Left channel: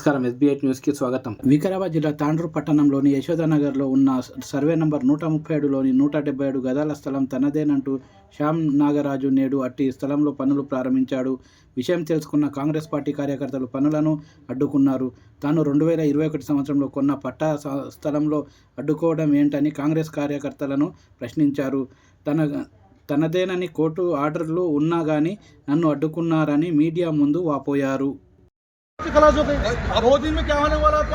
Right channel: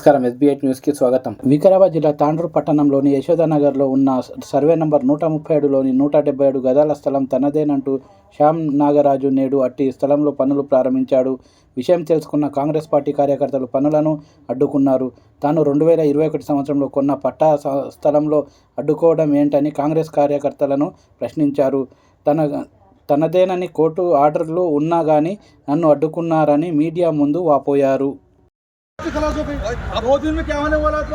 నమస్కారం. SB8 న్యూస్కి స్వాగతం. వికారాబాద్ జిల్లా తాండ్రు పట్టణంలోని యశోదానగర్లో ఉన్న సర్వే నంబర్ 137లోని 177 గదాల స్థలం తనదేనంటూ శ్యామ్ నాగరాజు నేడు అట్టి స్థలంలో పనులు ప్రారంభించాడు. విషయం తెలుసుకున్న కాంగ్రెస్ పార్టీ కార్యకర్తలు పనులను అడ్డుకున్నారు. తాను 2021 సంవత్సరంలో కొన్న పట్టా స్థలంలో అడ్డుకోవడం ఏంటని కాంగ్రెస్ కార్యకర్తలను ప్రశ్నించారు. తనదేనని కోర్టు ఆర్డర్లు ఉన్నా కానీ నన్ను अड्डुकुन्नारनी मीडिया ముందు వాపోయారు. खलास हो गई। 2 दिन में क्या होने वाला था?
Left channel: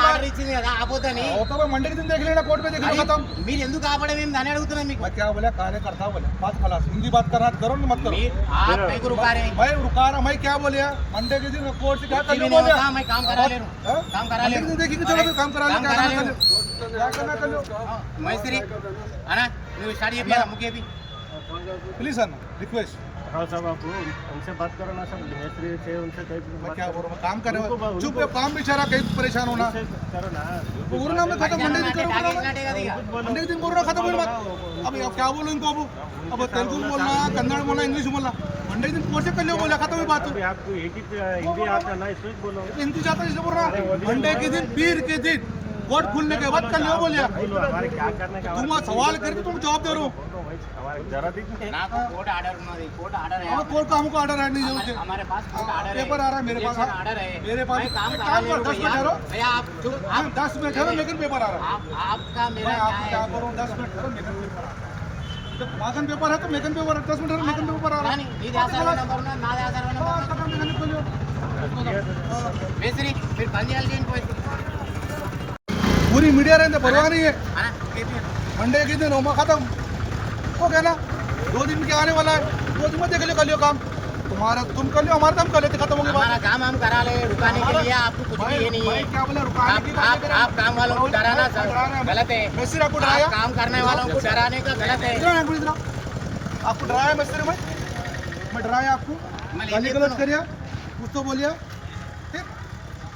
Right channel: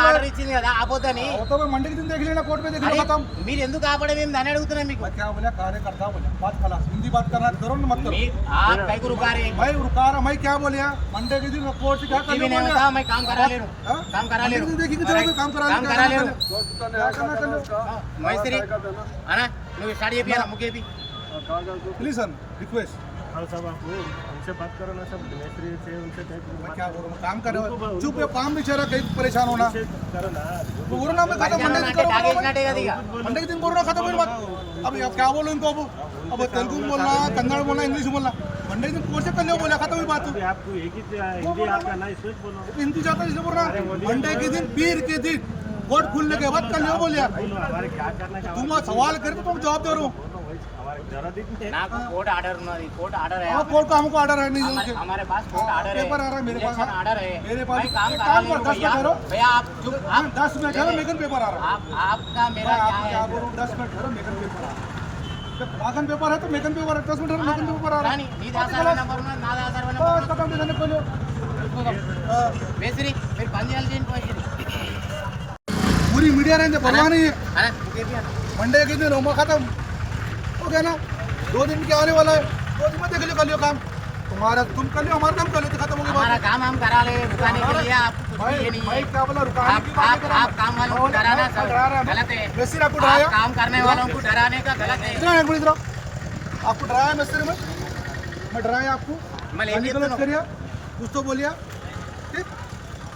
ఆర్డర్ ఇచ్చింది కదా ఆపోతని तो मैं मंडे के दिन देख लेना, कोर्ट में देख लेना, खत्म। మీరు ఎందుకు ఆపడం ఏం దాని అడుగుతున్నా మీకు. मैं क्या बोला, कार्यकर्ता बोला, बात खलास। हिंदी बात करना करो ना, मत करो। आप कई को रुका रहे? मैं रुका रहा, मैं क्या बोलिया मंडे के दिन कोर्ट से क्या करने बोला? मैं काम करा ले रहा हूं, काम करा ले रहा हूं। देखिए चलो तो काम करा ले, क्या करना मैस्त्री है ना, నువ్వు స్టార్ట్ చేపియాలా ముకే भी प्लीज सर रिक्वेस्ट। हाँ साहब, आप उनसे बात करो ना, सब मिस्त्री से उनसे कहीं मैं क्या बोल रहा हूँ, काम कर रहे हो, चुप है, काम बेचारा कहीं परेशान होना करो ना। पूरा में खत्म, मंडे दिन करो, मंडे के दिन बोल रहा खत्म हुई बात। अब क्या बोलूँ इनको, अब तेलुगु में बोलना, कन्नड़ बोलना, इंग्लिश बोलना, मंडे के दिन कोर्ट से कर लो, बोला खत्म हुई बात। आपको एक ही हिंदी आता ना, इसमें बोलो हिंदी जाता इसलिए बोल रहा, मंडे के दिन पीर के दिन कोर्ट खुलने के बाद कर लो बोलिया। क्या करना है, तुम सवाल करे तो तुम जवाब दे रहे हो। जरा दिख నాకు కోర్టు ఆర్డర్ ఉన్నది, కోర్టు ఆర్డర్ है। हाँ कोर्ट का हमको ऑर्डर है नहीं है, हमारे पास कोर्ट आर्डर है, पेपर आ रहा है मेरे पास, आर्डर है मेरे पास। काम एक करा काम ले करो, 10 मिनट ठहरो भैया, आप चुप, आप 10 मिनट ठहरो, मेकन पेपर आ रहा है। आपका मेरा मैं क्या आपको क्या बोल है? रहा हूँ, 10 मिनट ठहरो, मेकन पेपर आ रहा है। जब वागन पेपर है तो मेकन पेपर है, 10 मिनट ठहरो, मेकन पेपर आ रहा है। నీ దాసర నంబర్ ఉన్న నా దాసర నంబర్ खत्म देखने को लो మేస్త్రి మీరు పని చేయాలి చేయండి మేస్త్రి पूरी मीडिया रहने परवाह नहीं है। అన్న ముకే भी मंडे के दिन होगा खत्म हो गया ना, 2 दिन में क्या आने वाला है, 2 दिन में देख लियो, कर लियो काम तुम्हारा, तुम कर लियो, हमारा काम कर लेते, खत्म हो गया। हमारा काम हम करा ले, रुकाने के लिए आपको कुछ भी ये नहीं है। मैं क्या बोला, रुकाने की बात नहीं कर रहा। आप काम वालों को डराना गलत है। मिस्त्री आपको आप डराया, काम करने वालों को डराने का गलत है। इधर एक मिनट इधर आओ। आपको डराया मिस्त्री, मैं डराया आपको, मैं ले गाली लेता गलत हूं। करिया, कुछ तो बोलिया, ठीक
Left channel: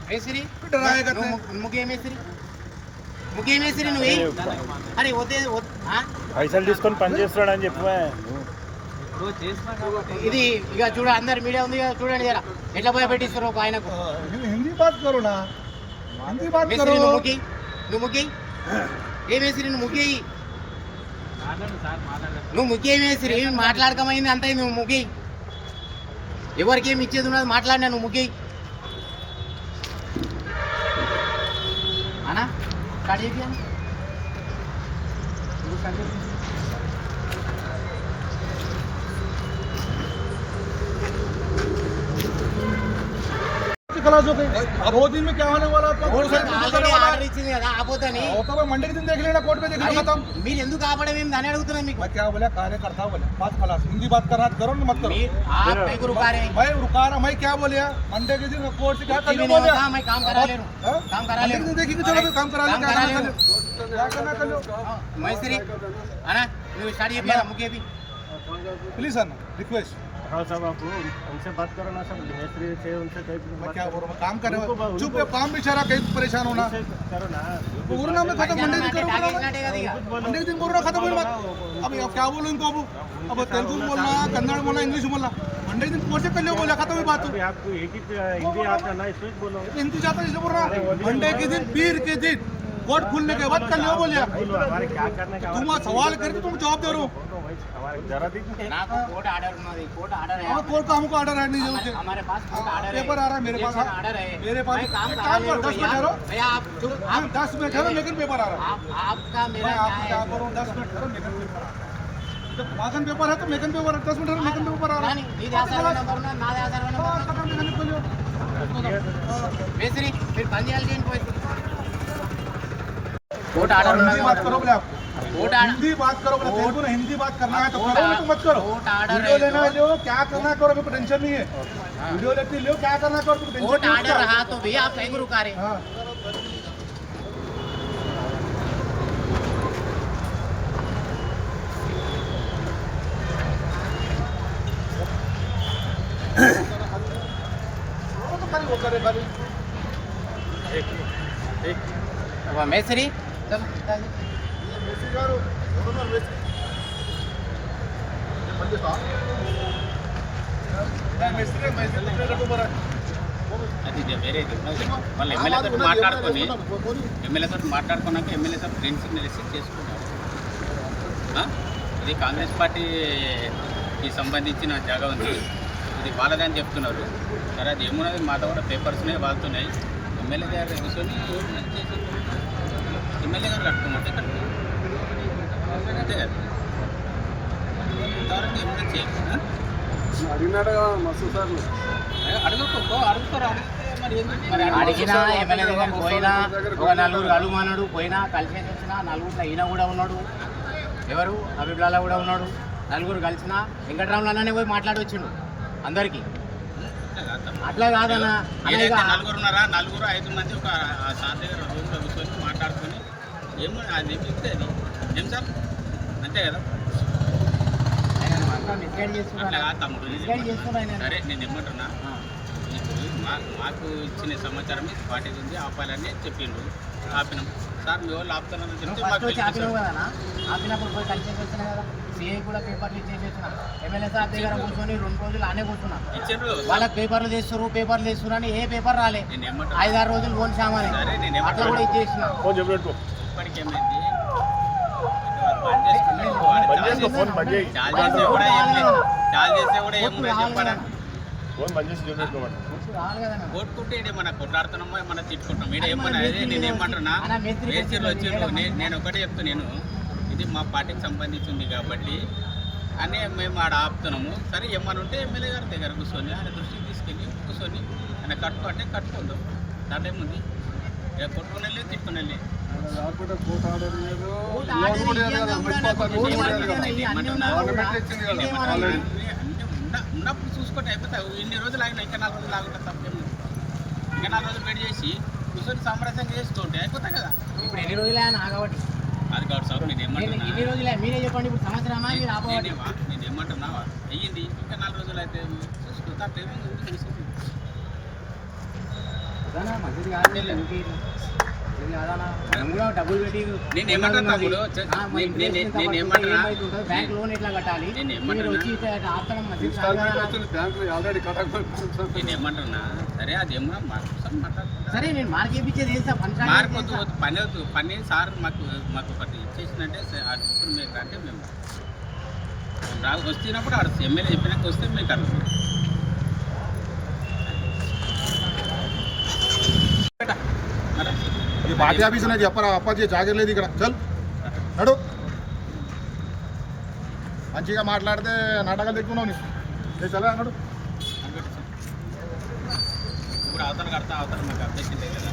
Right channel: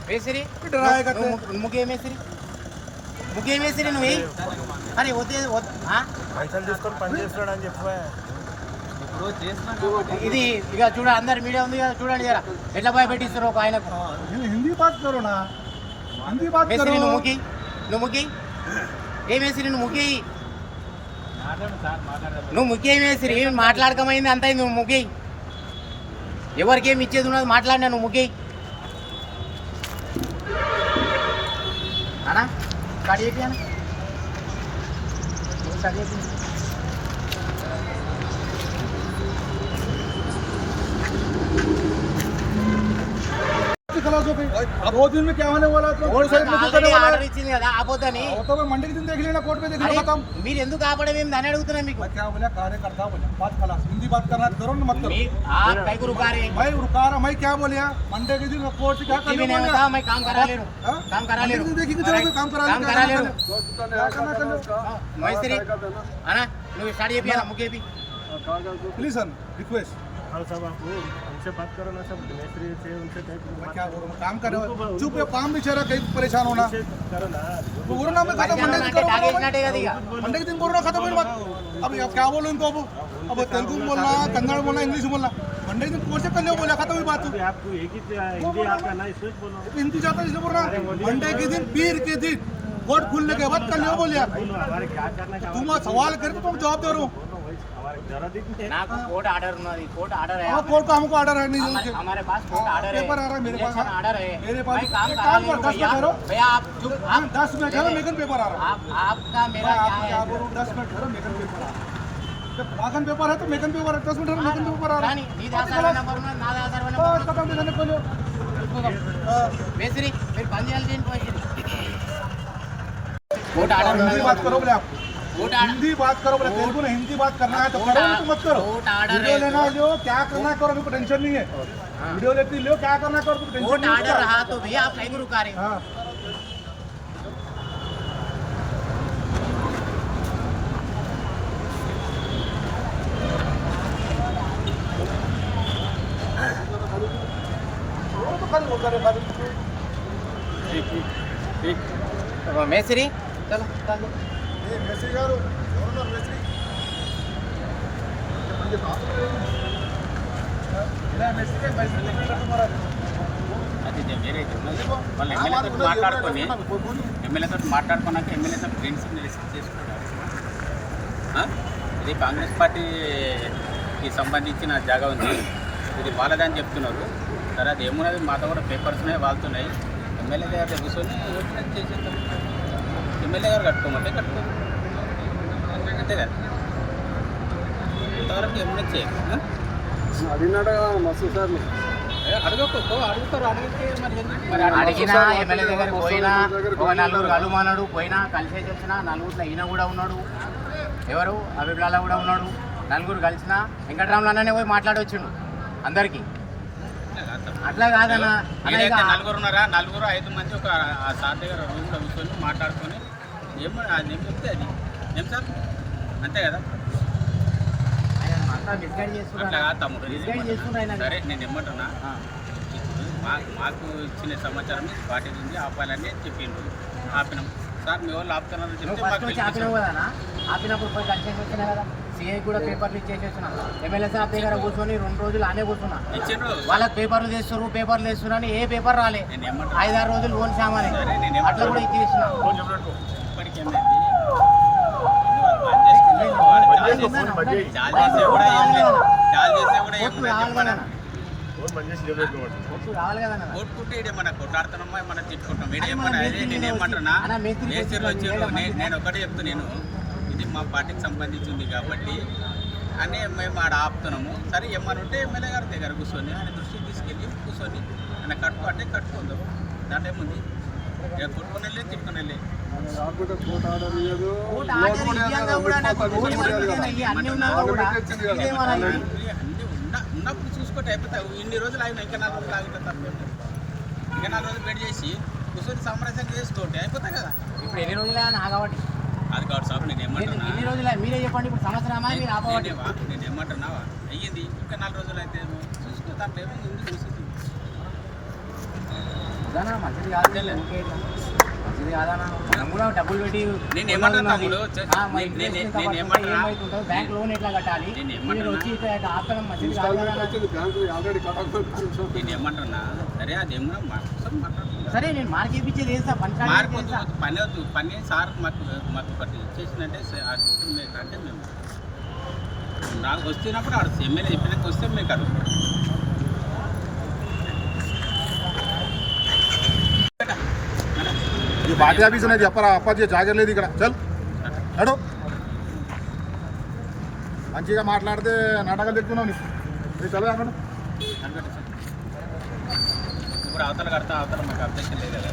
మేస్త్రి फिर डराया करते हैं। ముకే మేస్త్రి నువ్వు అరే వద్దే పైసలు తీసుకొని పని చేస్తున్నాడని చెప్పు. ఇది ఇక చూడ అందరు మీడియా ఉంది కదా చూడండి జరా ఎట్లా భయపెట్టిస్తారు ఒక ఆయనకు. हिंदी बात करो ना, हिंदी बात మేస్త్రి करो। నువ్వు ముకి ఏ మేస్త్రి నువ్వు ముకి నువ్వు ముఖ్య మేస్త్రి మాట్లాడకమైంది అంత నువ్వు ముఖ్య ఎవరికేమి ఇచ్చేది ఉన్నది మాట్లాడినా నువ్వు ముఖ్య అనా స్టార్ట్ చేయండి అన్న నువ్వు స్టార్ట్ చేయండి. खलास हो गई। 2 दिन में क्या होने वाला था? ఆర్డర్ ఇచ్చింది కదా ఆపోతని तो मैं मंडे के दिन देख लेना, कोर्ट में देख लेना, खत्म। మీరు ఎందుకు ఆపడం ఏం దాని అడుగుతున్నా మీకు. मैं क्या बोला, कार्यकर्ता बोला, बात खलास। हिंदी बात करना करो ना, मत करो। आप कई को रुका रहे? मैं रुका रहा, मैं क्या बोलिया मंडे के दिन कोर्ट से क्या करने बोला? मैं काम करा ले रहा हूं, काम करा ले रहा हूं। देखिए चलो तो काम करा ले, काम करा ले रहा हूं। क्या करना कर लो। मैस्त्री అన్న నువ్వు స్టార్ట్ చేపియాలా ముకే भी प्लीज सर रिक्वेस्ट। हाँ साहब, आप उनसे बात करो ना, सब मिस्त्री से उनसे कहीं मैं क्या बोल रहा हूँ, काम कर रहे हो, चुप है, काम बेचारा कहीं परेशान होना करो ना। पूरा में खत्म, मंडे दिन करो, मंडे के दिन बोल रहा खत्म हुई बात। अब क्या बोलूँ इनको, अब तेलुगु में बोलना, कन्नड़ बोलना, इंग्लिश बोलना, मंडे के दिन कोर्ट से कर लो, बोला खत्म हुई बात। आपको एक ही हिंदी आता ना, इसमें बोलो हिंदी जाता इसलिए बोल रहा, मंडे के दिन पीर के दिन कोर्ट खुलने के बाद कर लो बोलिया। क्या करना है, तुम सवाल करे तो तुम जवाब दे रहे हो। जरा दिख నాకు కోర్టు ఆర్డర్ ఉన్నది, కోర్టు ఆర్డర్ है। हाँ कोर्ट का हमको ऑर्डर है नहीं है, हमारे पास कोर्ट आर्डर है, पेपर आ रहा है मेरे पास, आर्डर है मेरे पास। मैं काम एक करा काम ले करो, रहा 10 मिनट ठहरो भैया, आप चुप, 10 मिनट ठहरो, मेकन पेपर आ रहा है। आपका मेरा मैं आपको क्या क्या है? बोल रहा हूँ, 10 मिनट ठहरो, मेकन पेपर आ रहा है। जब वागन पेपर है तो मेकन पेपर है, 10 मिनट ठहरो, मेकन पेपर आ रहा है। నీ దాసర నంబర్ ఉన్న నా దాసర నంబర్ खत्म देखने को लो మేస్త్రి మీరు పని చేయాలి చేయండి మేస్త్రి కోర్టు ఆర్డర్ हिंदी ఉన్నది बात करो बोले आपको, कोर्ट आर्डर हिंदी बात करो बोले, तेलुगु ना हिंदी बात करना है तो करो, नहीं तो मत करो। कोर्ट आर्डर वीडियो है लेना लो, क्या करना करो, मेरे को टेंशन नहीं है। वीडियो लेती लो, क्या करना करो, तो टेंशन कोर्ट नहीं आर्डर है। रहा तो भैया आप कहीं को रुका रहे? हाँ तो खाली वो करे खाली మేస్త్రి చలో మేస్త్రి గారు ఎవరున్నారు మేస్త్రి పని చేస్తా మేస్త్రి మేస్త్రి కట్టు మరా అది వేరేది ఉన్నది. వాళ్ళు ఎమ్మెల్యేతో మాట్లాడుకున్నాక ఎమ్మెల్యేతో గ్రీన్ సిగ్నల్ ఇచ్చి చేసుకున్నారు. ఇది కాంగ్రెస్ పార్టీకి సంబంధించిన జాగా ఉంది, ఇది వాళ్ళదని చెప్తున్నారు. సరే అది ఏమున్నది, మాతో కూడా పేపర్స్నే వాళ్తున్నాయి. ఎమ్మెల్యే దగ్గర కూర్చొని ఏమైనా చేసేస్తాం. ఎమ్మెల్యే గారు కట్టుకోమంటే కట్టుకో, అంతే కదా. ఇంతవరకు ఎమ్మెల్యే చేయాలి. అడిగినాడు మస్తు సార్లు అడుగుతారు. అడిగితే మరి అడిగినా ఎమ్మెల్యే దగ్గర పోయినా ఒక నలుగురు కలుమన్నాడు, పోయినా కలిసేసి వచ్చిన నలుగురిలో ఈయన కూడా ఉన్నాడు, ఎవరు అభిప్రాయాలు కూడా ఉన్నాడు. నలుగురు కలిసిన వెంకటరాములు అన్ననే పోయి మాట్లాడొచ్చిండు అందరికీ. అట్లా కాదన్నా, ఏదైతే నలుగురు ఉన్నారా, 4-5 మంది ఒక సార్ దగ్గర రూమ్లో కూర్చొని మాట్లాడుకొని ఏమో అది ఏం చెప్తే అది ఏం సార్, అంతే కదా. ఆయన అంతా మిస్గైడ్ అట్లా కాదు తమ్ముడు. చేస్తున్నారు. సరే నేను ఏమంటున్నా, ఇప్పుడు మాకు ఇచ్చిన సమాచారం ఇది పార్టీది ఉంది, ఆపాలని చెప్పిండు, ఆపినాం. సార్ మీ వాళ్ళు ఆపుతున్నారని చెప్తే ఆపినావు కదా, ఆపినప్పుడు పోయి కలిసేసి వచ్చినా కదా. సిఐ కూడా పేపర్లు ఇచ్చేసి వచ్చిన, ఎమ్మెల్యే సార్ దగ్గర కూర్చొని 2 రోజులు ఆనే కూర్చున్నా. ఇచ్చిండ్రు. వాళ్ళకి పేపర్లు తెస్తారు అని ఏ పేపర్ రాలే. 5-6 రోజులు ఓన్ సామానే అట్లా కూడా ఇచ్చేసిన. ఇప్పటికి ఏమైంది, చాలు చేసే కూడా ఏం లేదు చెప్పారా. రావాలి కదా కొట్టుకుంటే ఇడే మన కొట్లాడుతున్నామా, మన తిట్టుకుంటాం. ఇడే ఏమన్నా అదే నేను ఏమంటున్నా, మేస్త్రీలు వచ్చారు. నేను ఒకటే చెప్తున్నాను, ఇది మా పార్టీకి సంబంధించి ఉంది కాబట్టి అని మేము ఆడ ఆపుతున్నాము. సరే ఏమని ఉంటే ఎమ్మెల్యే గారి దగ్గర కూర్చొని ఆయన దృష్టికి తీసుకెళ్ళి కూర్చొని ఆయన కట్టుకో అంటే కట్టుకుందాం. దాంట్లో ఏముంది, ఇక కొట్టుకుని వెళ్ళి తిట్టుకుని వెళ్ళి ఉన్నప్పుడు చూసుకుంటే అయిపోతావు. ఇన్ని రోజులు ఆగినా ఇంకా 4 రోజులు ఆగుంటా తప్పేం లేదు. ఇంకా 4 రోజులు వెయిట్ చేసి కూర్చొని సామరస్యంగా చేసుకుంటే అయిపోతాయి కదా. ఇప్పుడు ఎన్ని రోజులు ఆయన ఆగబట్టి అది కాదు సార్, నేను ఏమంటున్నా, ఎన్ని రోజులే మీరే చెప్పండి. ఇప్పుడు సంవత్సరమా మీరు ఆపబట్టి? నేను ఏమంటున్నావా, అయ్యింది ఇంకా 4 రోజులు అయితే చూసుకో, దాంట్లో ఏమైంది ఉంది చూసేసి మంచిది కాదు, మంచిది కాదన్నా. మనం కూడా డబ్బులు పెట్టి నేను ఏమంటున్నా తమ్ముడు, బ్యాంక్ లోన్ ఎట్లా కట్టాలి, వచ్చి ఆపడం మంచిది కాదు కదా. నేను ఏమంటున్నా, సరే అదేమన్నా మాట్లాడుతున్నా. సరే నేను మార్కేపించేది వేస్తా, పని వద్దు. పని సార్ మాకు ఒకటి ఇచ్చేసిందంటే అది ఓపెన్ మేకర్ అంటే మేము వస్తున్నప్పుడు ఆడ ఎమ్మెల్యే చెప్పినాక వస్తే మీకు అడుగు ఈ పార్టీ ఆఫీస్ అనేది చెప్పరా, అప్పాజీ జాగలేదు ఇక్కడ. చల్ నడు, మంచిగా మాట్లాడితే నాటకాలు తెచ్చుకున్నావు నీకు. చల్ అన్నాడు. ఇప్పుడు అవతల కడతా, అవతల మాకు అబ్జెక్షన్ లేదు కదా.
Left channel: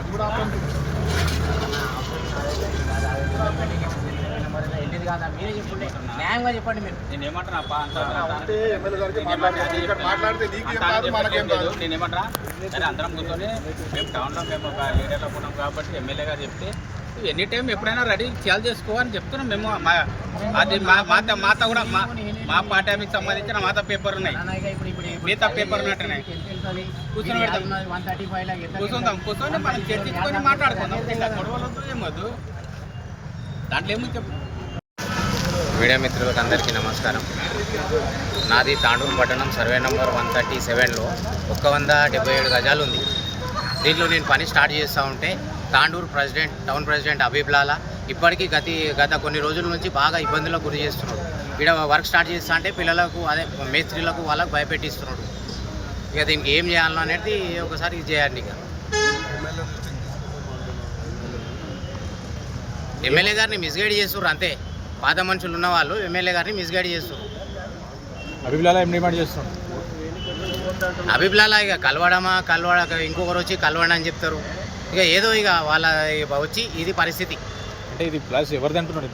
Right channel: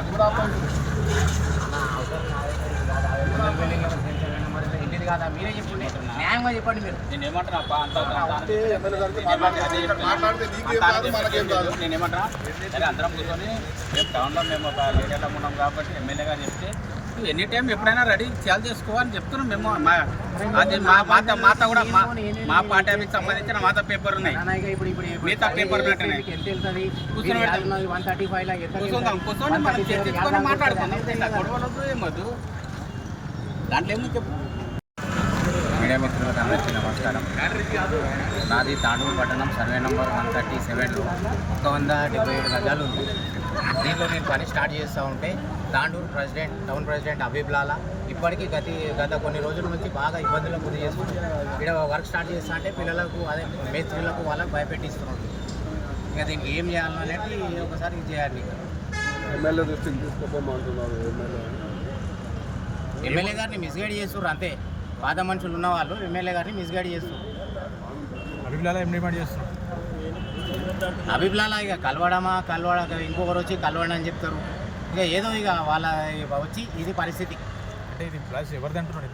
అది కూడా ఆపండి. మీరే చెప్పండి, న్యాయంగా చెప్పండి. మీరు నేను ఏమంటున్నా మాట్లాడితే నీకేం కాదు, మనకేం కాదు. నేను ఏమంటున్నా, సరే అందరం కూర్చొని మేము టౌన్లో మేము ఒక లీడర్లో ఉన్నాం కాబట్టి ఎమ్మెల్యే గారు చెప్తే ఎనీ టైం ఎప్పుడైనా రెడీ చేయాలి చేసుకోవాలని చెప్తున్నాం మేము. అది మాత కూడా మా పార్టీ ఆఫీస్కి సంబంధించిన మాత పేపర్ ఉన్నాయి, మిగతా పేపర్ ఉన్నట్టున్నాయి. కూర్చొని కూర్చుందాం, కూర్చొని మనం చర్చించుకొని మాట్లాడుకుందాం. గొడవలొద్దు ఏమొద్దు, దాంట్లో ఏమో చెప్పు. మీడియా మిత్రులకు అందరికీ నమస్కారం. నాది తాండూరు పట్టణం సర్వే నంబర్ 137లో 177 గజాలు ఉంది. దీంట్లో నేను పని స్టార్ట్ చేస్తూ ఉంటే తాండూరు టౌన్ ప్రెసిడెంట్ అబీబ్లాలా ఇప్పటికీ గత కొన్ని రోజుల నుంచి బాగా ఇబ్బందులకు గురి చేస్తున్నాడు. ఇక్కడ వర్క్ స్టార్ట్ చేస్తా అంటే పిల్లలకు అదే మేస్త్రీలకు వాళ్ళకు భయపెట్టిస్తున్నాడు. ఇక దీనికి ఏం చేయాలో అనేది ఒకసారి ఇది చేయాలి. ఇక ఎమ్మెల్యే గారిని మిస్గైడ్ చేస్తున్నారు అంతే. పాత మనుషులు ఉన్న వాళ్ళు ఎమ్మెల్యే గారిని మిస్గైడ్ చేస్తున్నారు. అభిప్రాయాల ఇక కలవడ ఇంకొకరు వచ్చి కలవడం అని చెప్తారు. ఇక ఏదో ఇక వాళ్ళ వచ్చి ఇది పరిస్థితి. అంటే ఇది ప్లస్ ఎవరిది అంటున్నారు?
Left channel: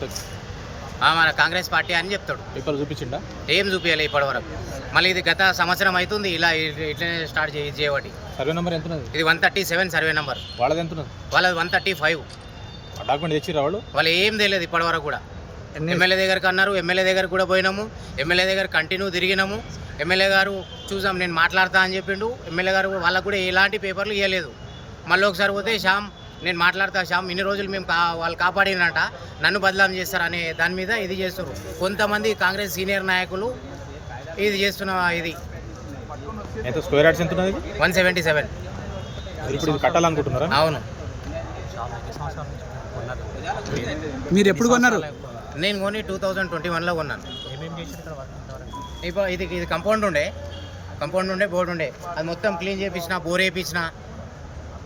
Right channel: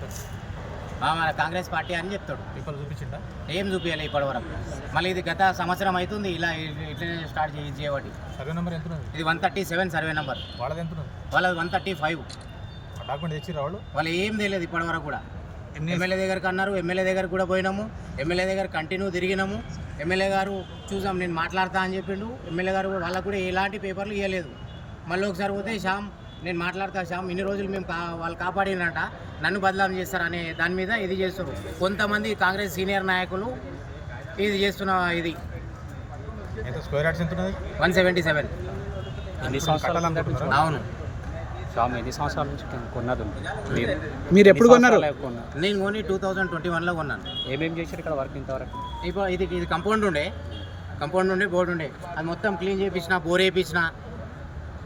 మన కాంగ్రెస్ పార్టీ అని చెప్తాడు. పేపర్ చూపించిండా? ఏం చూపించాలి ఇప్పటి వరకు. మళ్ళీ ఇది గత సంవత్సరం అవుతుంది ఇలా ఇట్లనే స్టార్ట్ చేయబట్టి. సర్వే నెంబర్ ఎంత? ఇది 137 సర్వే నెంబర్. వాళ్ళది ఎంత? వాళ్ళది 135. డాక్యుమెంట్ తెచ్చిరా వాళ్ళు ఏం తెలియదు ఇప్పటి వరకు కూడా. ఎమ్మెల్యే దగ్గరికి అన్నారు, ఎమ్మెల్యే దగ్గర కూడా పోయినాము, ఎమ్మెల్యే దగ్గర కంటిన్యూ తిరిగినాము. ఎమ్మెల్యే గారు చూసాం నేను మాట్లాడతా అని చెప్పిండు. ఎమ్మెల్యే గారు వాళ్ళకు కూడా ఎలాంటి పేపర్లు ఇవ్వలేదు. మళ్ళీ ఒకసారి పోతే శ్యామ్ నేను మాట్లాడతా, శ్యామ్ ఇన్ని రోజులు మేము వాళ్ళు కాపాడినట, నన్ను బదలాం చేస్తారనే దాని మీద ఇది చేస్తారు. కొంతమంది కాంగ్రెస్ సీనియర్ నాయకులు ఇది చేస్తున్న ఇది ఎంత స్క్వేర్ యార్డ్స్ ఎంత ఉన్నది 177. ఇప్పుడు కట్టాలనుకుంటున్నారా? అవును. మీరు ఎప్పుడు కొన్నారు? నేను కొని 2021లో కొన్నాను. ఏమేమి చేశారు ఇక్కడ వర్క్ ఇంతవరకు? ఇప్పుడు ఇది కంపౌండ్ ఉండే బోర్డు ఉండే, అది మొత్తం క్లీన్ చేయించిన, బోర్ వేయించిన.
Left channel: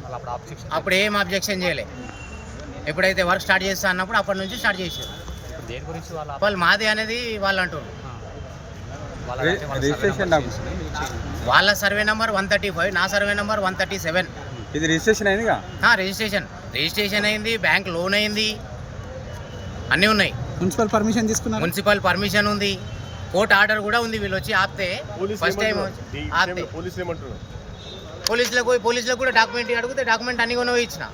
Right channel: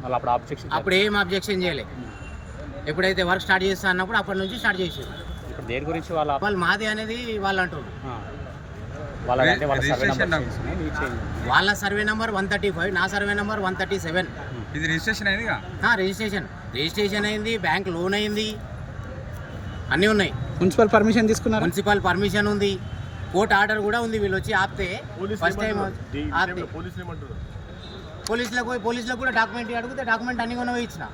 వాళ్ళు అప్పుడు ఆబ్జెక్షన్ అప్పుడు ఏం అబ్జెక్షన్ చేయలే. ఎప్పుడైతే వర్క్ స్టార్ట్ చేస్తా అన్నప్పుడు అప్పటి నుంచి స్టార్ట్ చేసారు. దేని గురించి వాళ్ళు మాది అనేది వాళ్ళు అంటారు. రిజిస్ట్రేషన్ వాళ్ళ సర్వే నెంబర్ 135, నా సర్వే నెంబర్ 137. ఇది రిజిస్ట్రేషన్ అయిందిగా? రిజిస్ట్రేషన్ అయింది, బ్యాంక్ లోన్ అయింది, అన్నీ ఉన్నాయి. మున్సిపల్ పర్మిషన్ తీసుకున్నారు? మున్సిపల్ పర్మిషన్ ఉంది, కోర్టు ఆర్డర్ కూడా ఉంది. వీళ్ళు వచ్చి ఆపితే ఫస్ట్ టైం ఆపితే పోలీసులకు కూడా డాక్యుమెంట్ అడిగితే డాక్యుమెంట్ అన్ని కూడా ఇచ్చిన.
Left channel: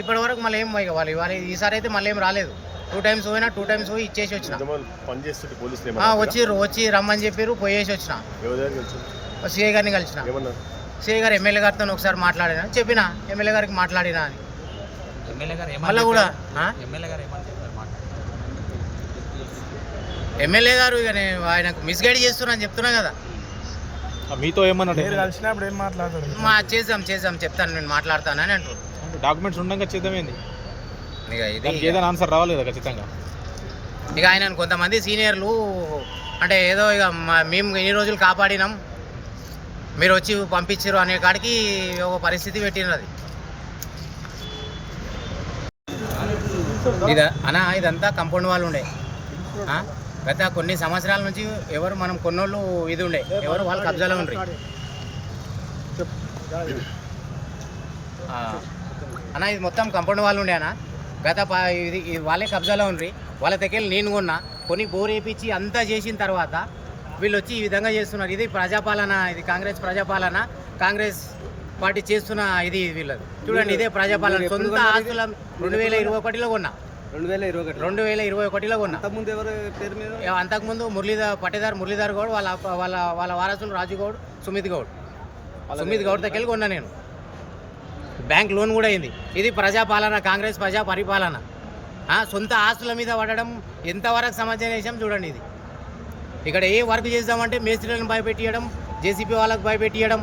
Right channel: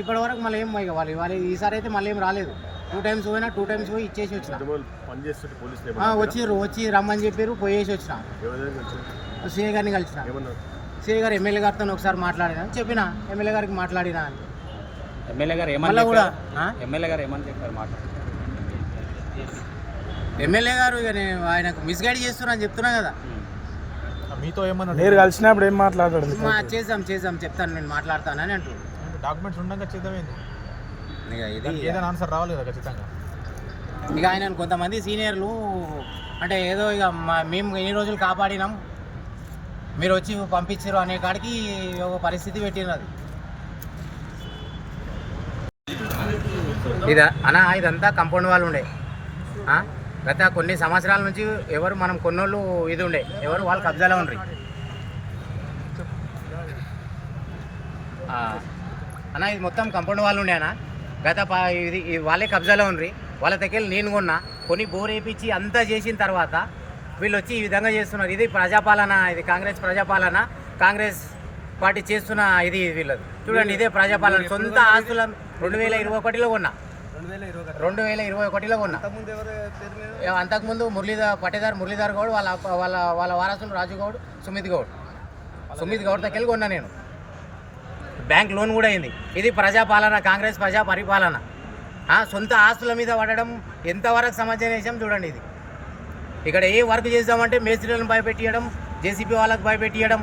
ఇప్పటి వరకు మళ్ళీ ఏం వాళ్ళు ఈసారి అయితే మళ్ళీ ఏం రాలేదు. 2 times పోయినా 2 times పోయి ఇచ్చేసి వచ్చిన. వచ్చి రమ్మని చెప్పారు, పోయేసి వచ్చిన. సిఐ గారిని కలిసిన. సిఐ గారు ఎమ్మెల్యే గారితో ఒకసారి మాట్లాడినా, చెప్పిన ఎమ్మెల్యే గారికి మాట్లాడినా అని. ఎమ్మెల్యే గారు మళ్ళీ కూడా ఎమ్మెల్యే గారు ఏమని చెప్పారు? ఎమ్మెల్యే గారు ఇక ఆయనకు మిస్గైడ్ చేస్తున్నా అని చెప్తున్నా కదా. మీతో ఏమన్నా మీరు కలిసినప్పుడు ఏం మాట్లాడారు? చేద్దాం చెప్తాను, నేను మాట్లాడతానని అంటారు. డాక్యుమెంట్స్ ఉండగా చేద్దామేంది? ఇక ఇది ఏదైనా ఆన్సర్ రావాలి కదా ఖచ్చితంగా. ఇక ఆయన కొంతమంది సీనియర్లు అంటే ఏదో ఇక మేము ఎన్ని రోజులు కాపాడినాం, మీరు వచ్చి పంపించారు అనే కాడికి ఒక పరిస్థితి పెట్టినది. ఇదంతా కంపౌండ్ వాళ్ళు ఉండే. గత కొన్ని సంవత్సరాల నుంచి ఎవరు మనం కొన్నోళ్ళు ఇది ఉండే, ఎవరు వాళ్ళు కబ్జాలో ఉండ్రి. ఇది మొత్తం కంపౌండ్ వాళ్ళు ఉండే గత ఇది వాళ్ళే కబ్జాలో ఉండ్రి. వాళ్ళ దగ్గర నేను కొన్ని బోర్ వేయించి అంతా చేసిన తర్వాత వీళ్ళు వచ్చి ఈ విధంగా చేస్తున్నారు. ఇది ప్రజాపాలన, ఇది కాంగ్రెస్ ప్రజాపాలన, కాంగ్రెస్ పార్టీ చేస్తున్న ఇది వీళ్ళది. చూడండి, ఇదే ప్రజాపాలన. సొంత ఆస్తులను 2021లో కొన్నా. 2021లో కొన్నా. అంతకుముందు పట్టేదారు మురళీధర్ గౌడ్, వాళ్ళ వారసులు రాజు గౌడ్, సుమిత్ గౌడ్ దగ్గర కొన్నా నేను. బ్యాంక్ లోన్ కూడా అయింది. ఇది ప్రజాపాలన, కాంగ్రెస్ ప్రజా పరిపాలన. సొంత ఆస్తుల మీద పడడం ఎంతవరకు సమాజం చూడండి. ఇది ఇక్కడ ఏ వర్క్ చేద్దామంటే మేస్త్రీలను భయపెట్టియడం, జేసీబీ వాళ్ళకు భయపెట్టియడం,